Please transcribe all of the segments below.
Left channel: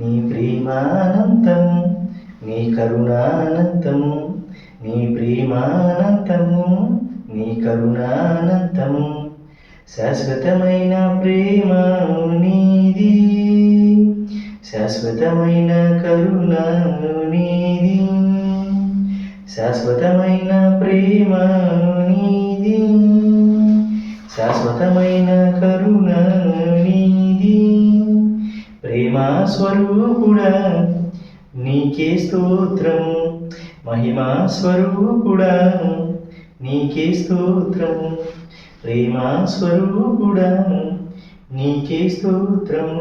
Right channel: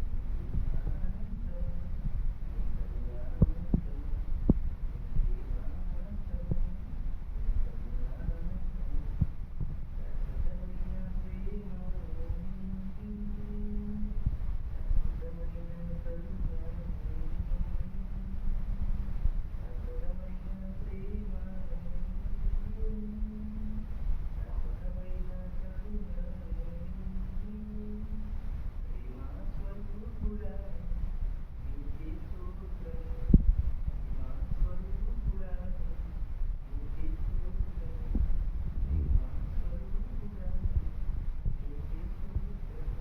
నీ ప్రేమానంతము, నీ కరుణానంతము, నీ ప్రేమానంతము, నీ కరుణానంతము. శాశ్వతమైన ప్రేమ నీది, శాశ్వతమైన కరుణ నీది, శాశ్వతమైన ప్రేమ నీది, శాశ్వతమైన కరుణ నీది. ప్రేమా స్వరూపుడా నీకే స్తోత్రం, మహిమా స్వరూపుడా నీకే స్తోత్రం, ప్రేమా స్వరూపుడా నీకే స్తోత్రం,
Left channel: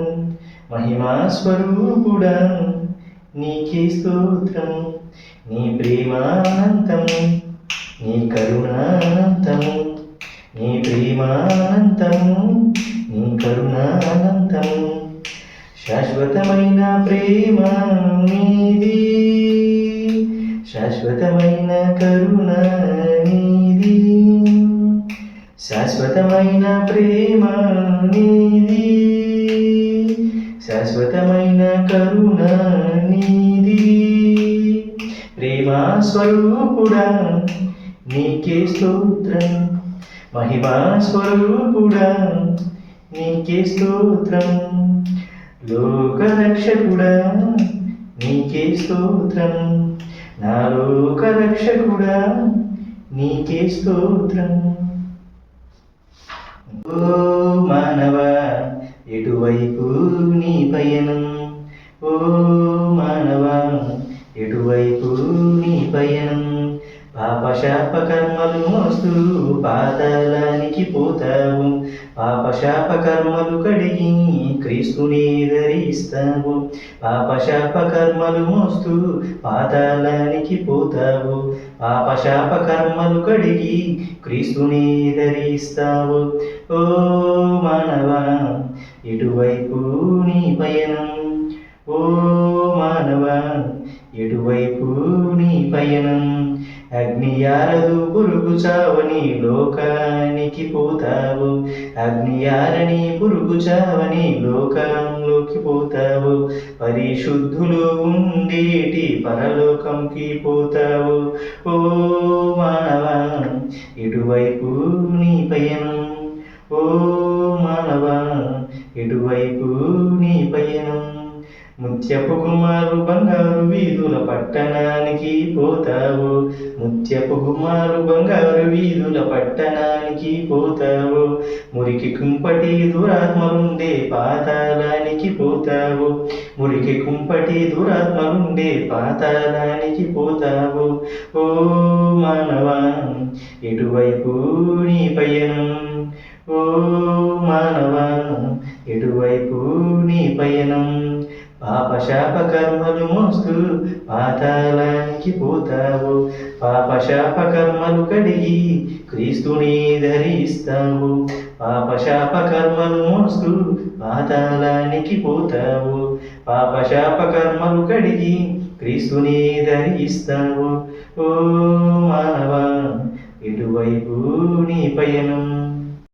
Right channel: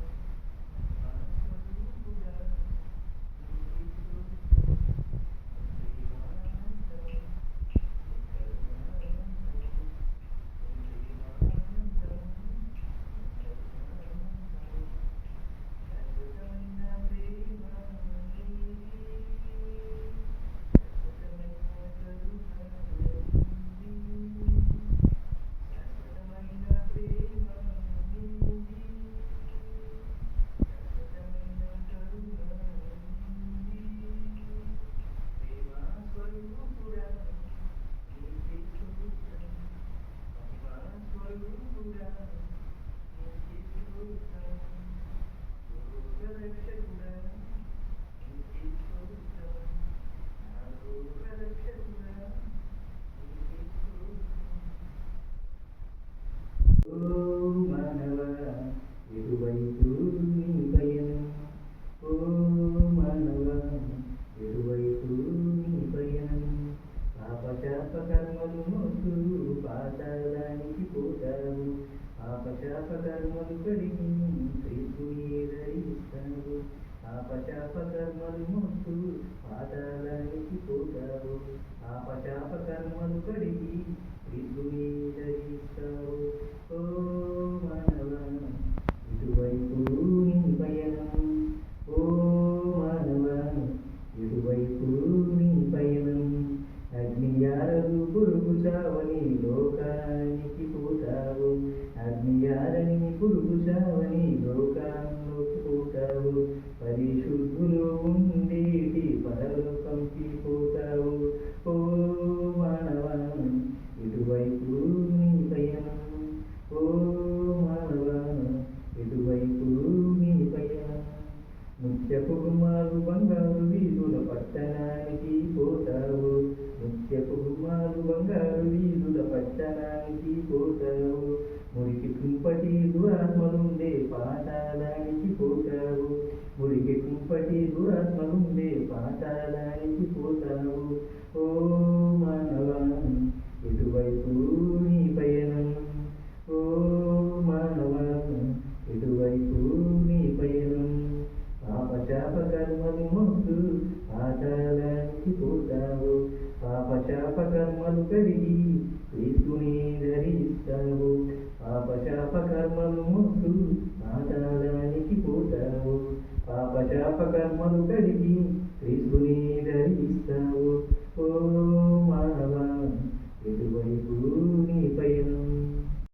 మహిమా స్వరూపుడా నీకే స్తోత్రం. నీ ప్రేమానంతము, నీ కరుణానంతము, నీ ప్రేమానంతము, నీ కరుణానంతము. శాశ్వతమైన ప్రేమ నీది, శాశ్వతమైన కరుణ నీది, శాశ్వతమైన ప్రేమ నీది, శాశ్వతమైన కరుణ నీది. ప్రేమా స్వరూపుడా నీకే స్తోత్రం, మహిమా స్వరూపుడా నీకే స్తోత్రం, లోకరక్షకుడా నీకే స్తోత్రం, నా లోకరక్షకుడా నీకే స్తోత్రం. ఓ మానవా ఎటువైపు నీ పయనం, ఓ మానవా ఎటువైపు నీ పయనం. పాపశాప కర్మలు మోస్తూ పాతాళానికి పోతావు, పాపశాప కర్మలు కడిగి క్రీస్తుని ధరిస్తావు. పాపశాప కర్మలు మోస్తూ పాతాళానికి పోతావు, పాపశాప కర్మలు కడిగి క్రీస్తుని ధరిస్తావు. ఓ మానవా ఎటువైపు నీ పయనం, ఓ మానవా ఎటువైపు నీ పయనం. అగ్ని ఆరదు పురుగు చావని లోకానికి పోతావు, అగ్ని ఆరని పురుగు చావని లోకంలోకి పోతావు. పరిశుద్ధులు ఉండేటి పరలోకంకి పోతావు. ఓ మానవా ఎటువైపు నీ పయనం, ఓ మానవా ఎటువైపు నీ పయనం. ముత్యపు గుమ్మాలు బంగారు వీధుల పట్టణానికి పోతావు, ముత్యపు గుమ్మాలు బంగారు వీధుల పట్టణానికి పోతావు. మురికి కుంపటి దురాత్మలుండే పాతాళానికి పోతావు, మురికి కుంపటి దురాత్మలుండే పాతాళానికి పోతావు. ఓ మానవా ఎటువైపు నీ పయనం, ఓ మానవా ఎటువైపు నీ పయనం. పాపశాప కర్మలు మోస్తూ పాతాళానికి పోతావు, పాపశాప కర్మలు కడిగి క్రీస్తుని ధరిస్తావు. పాపశాప కర్మలు మోస్తూ పాతాళానికి పోతావు, పాపశాప కర్మలు కడిగి క్రీస్తుని ధరిస్తావు. ఓ మానవా ఎటువైపు నీ పయనం.